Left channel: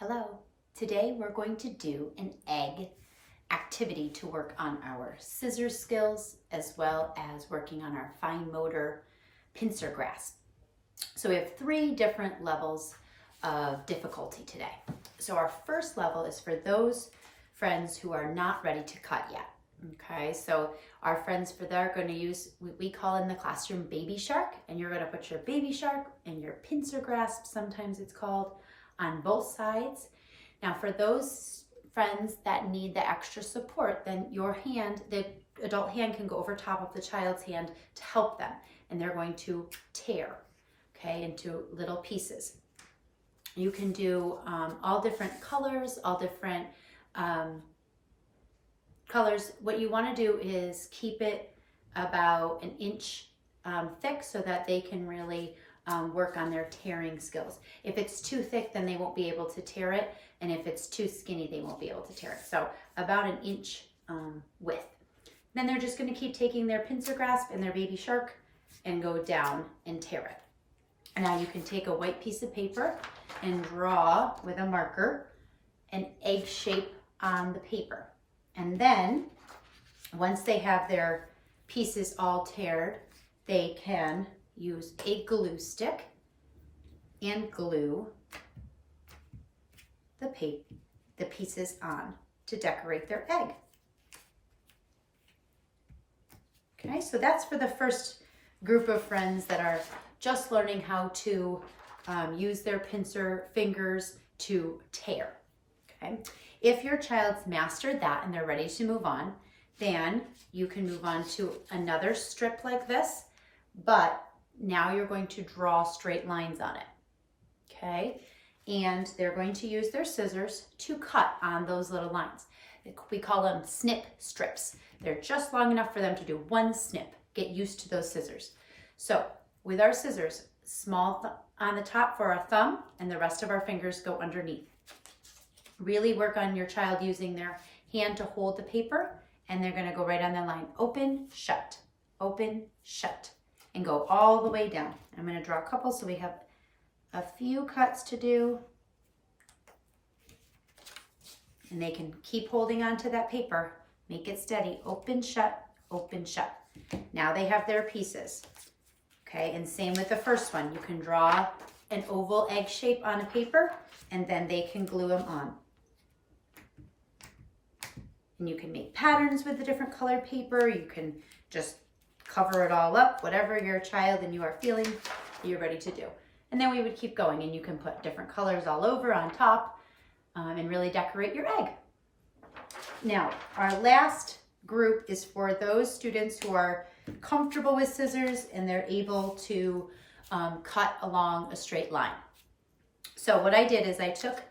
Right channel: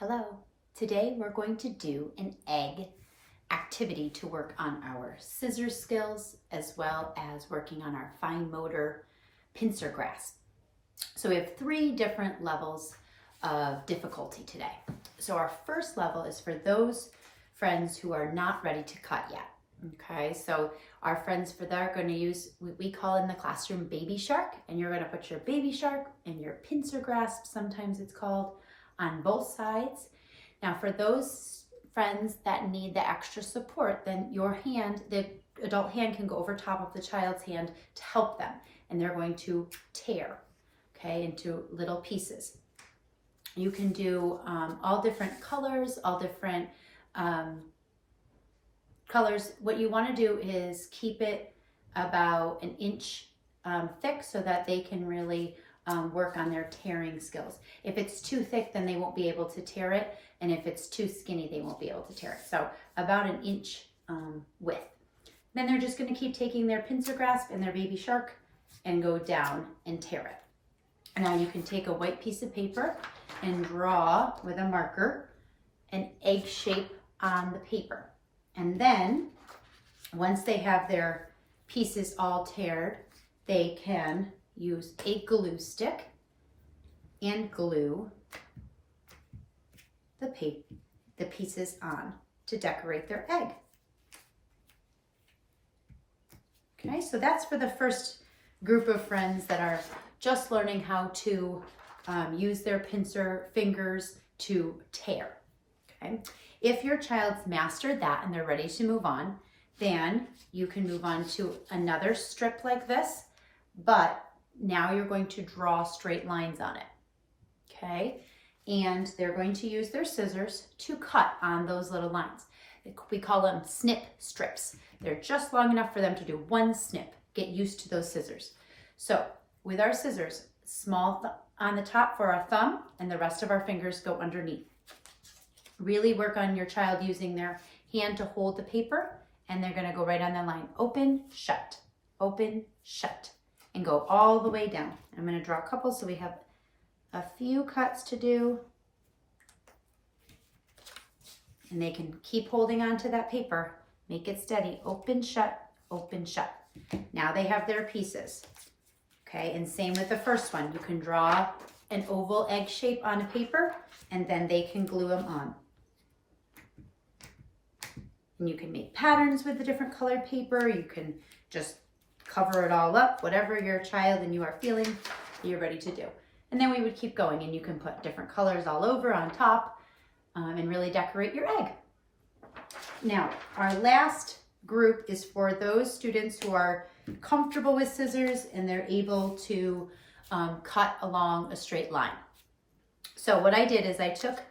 Hello. Today we're going to do an egg activity to work on our scissors skills as well as working on our fine motor pincer grasp. So we have 3 different levels of difficulty today. So our first level is for those friends who are not ready to cut yet. Okay, so our friends for that are going to use what we call in the classroom baby shark, and you're going to put your baby shark and your pincer grasp, sometimes it's called, on both sides. Now for those friends that need the extra support, then your hand, the adult hand, can go over top of the child's hand to help them, and they're going to tear, okay, into little pieces. You can do all different colors, all different colors. What you want to do is keep it about an inch thick so that they can really work on their tearing skills. If it's too thick, then they won't be able to tear it, and if it's too skinny, they won't be able to tear it. So about an inch width. Then they're just going to keep taking their pincer grasp and their baby shark and go down and tear it. And now you can take a white piece of paper and draw with a marker an egg shape on the paper. And then once they have their pieces all teared, they can use a glue stick and glue the pieces on to decorate their egg. Okay, so that's for the first group of friends that are just learning how to use their pincer fingers to tear. Okay, if your child's mastered that and they're ready to move on, then you can move on to another strip like this, but now you're going to draw straight lines on it. Okay, and they're going to use their scissors to cut on those little lines. We call them snip strips. They're just long enough for them to do one snip. Get used to those scissors. So with our scissors, small on the top for our thumb, and the rest of our fingers go underneath. Really work on your child using their hand to hold the paper, and they're going to go right on that line. Open, shut, and go all the way down. I'm going to draw a couple so we have a few cuts to do. And they can keep holding on to that paper. Make it steady. Open, shut, open, shut. Now they have their pieces. Okay, and same with the first one. You can draw an oval egg shape on a paper, and then they can glue them on. And you can make patterns with the different colored paper. You can just cover it all up, whatever your child and you are feeling, you're ready to do. And then we would keep going, and you can put different colors all over on top and really decorate your egg. Now, our last group is for those students who are comfortable with scissors and they're able to cut along a straight line. So what I did is I took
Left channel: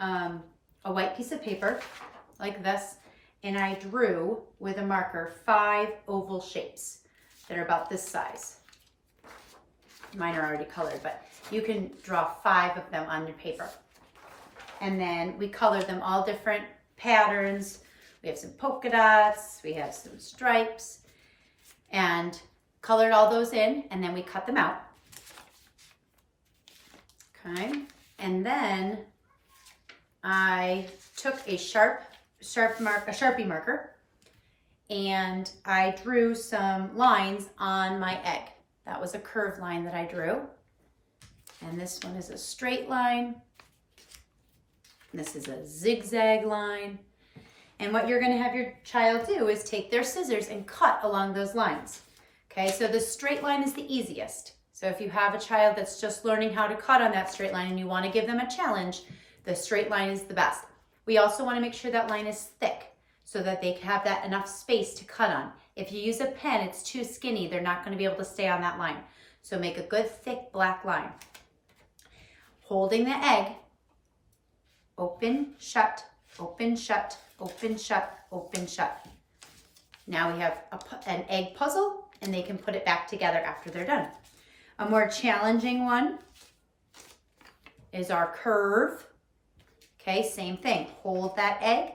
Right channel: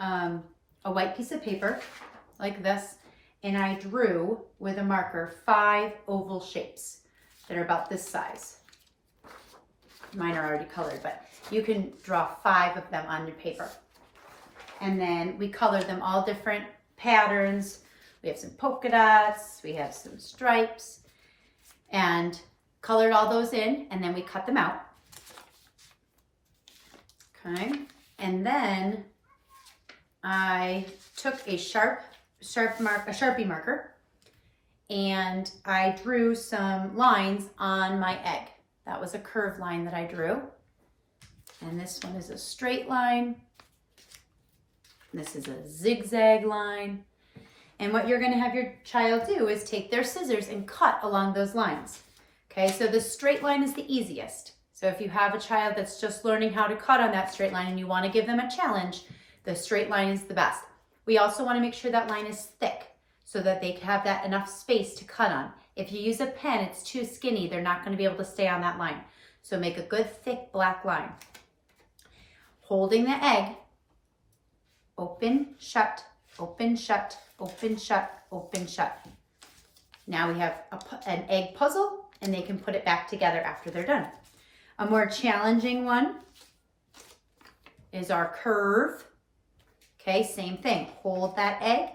a white piece of paper like this, and I drew with a marker 5 oval shapes that are about this size. Mine are already colored, but you can draw 5 of them on your paper. And then we colored them all different patterns. We have some polka dots, we have some stripes, and colored all those in, and then we cut them out. Okay, and then I took a Sharpie marker, and I drew some lines on my egg. That was a curved line that I drew. And this one is a straight line. This is a zigzag line. And what you're going to have your child do is take their scissors and cut along those lines. Okay, so the straight line is the easiest. So if you have a child that's just learning how to cut on that straight line and you want to give them a challenge, the straight line is the best. We also want to make sure that line is thick so that they have that enough space to cut on. If you use a pen, it's too skinny, they're not going to be able to stay on that line. So make a good thick black line. Holding the egg, open, shut, open, shut, open, shut, open, shut. Now we have an egg puzzle, and they can put it back together after they're done. A more challenging one is our curve. Okay, same thing. Hold that egg,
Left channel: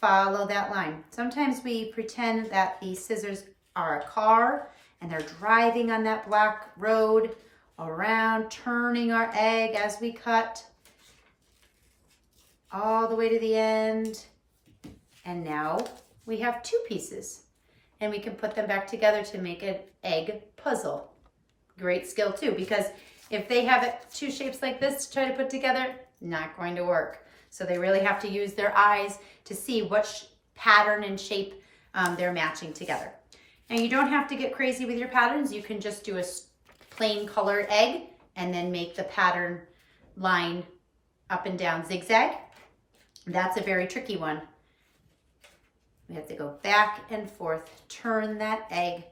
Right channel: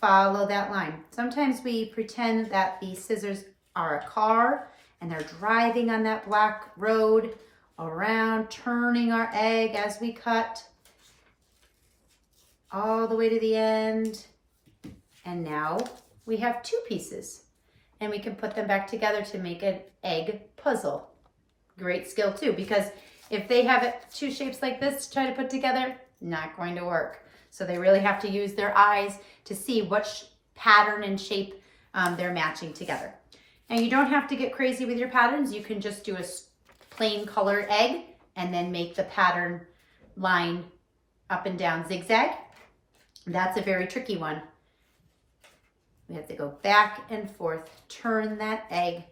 follow that line. Sometimes we pretend that the scissors are a car and they're driving on that black road around, turning our egg as we cut. all the way to the end. And now we have 2 pieces. And we can put them back together to make an egg puzzle. Great skill too, because if they have 2 shapes like this to try to put together, not going to work. So they really have to use their eyes to see what pattern and shape they're matching together. And you don't have to get crazy with your patterns. You can just do a plain colored egg and then make the pattern line up and down zigzag. That's a very tricky one. We have to go back and forth, turn that egg,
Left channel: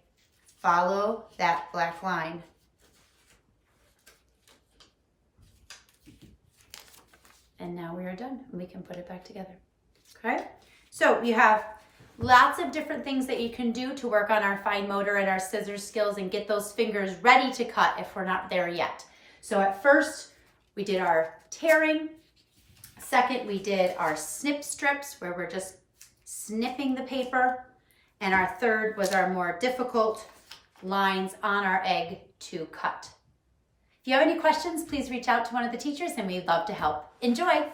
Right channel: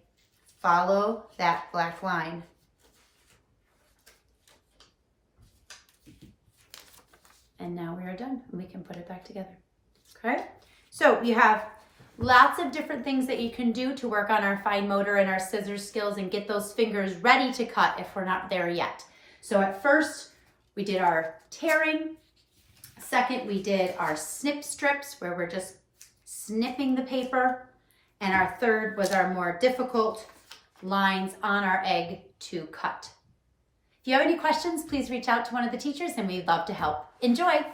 follow that black line. And now we are done, and we can put it back together. Okay, so we have lots of different things that you can do to work on our fine motor and our scissors skills and get those fingers ready to cut if we're not there yet. So at first, we did our tearing. Second, we did our snip strips where we're just snipping the paper. And our third was our more difficult lines on our egg to cut. If you have any questions, please reach out to one of the teachers and we'd love to help. Enjoy!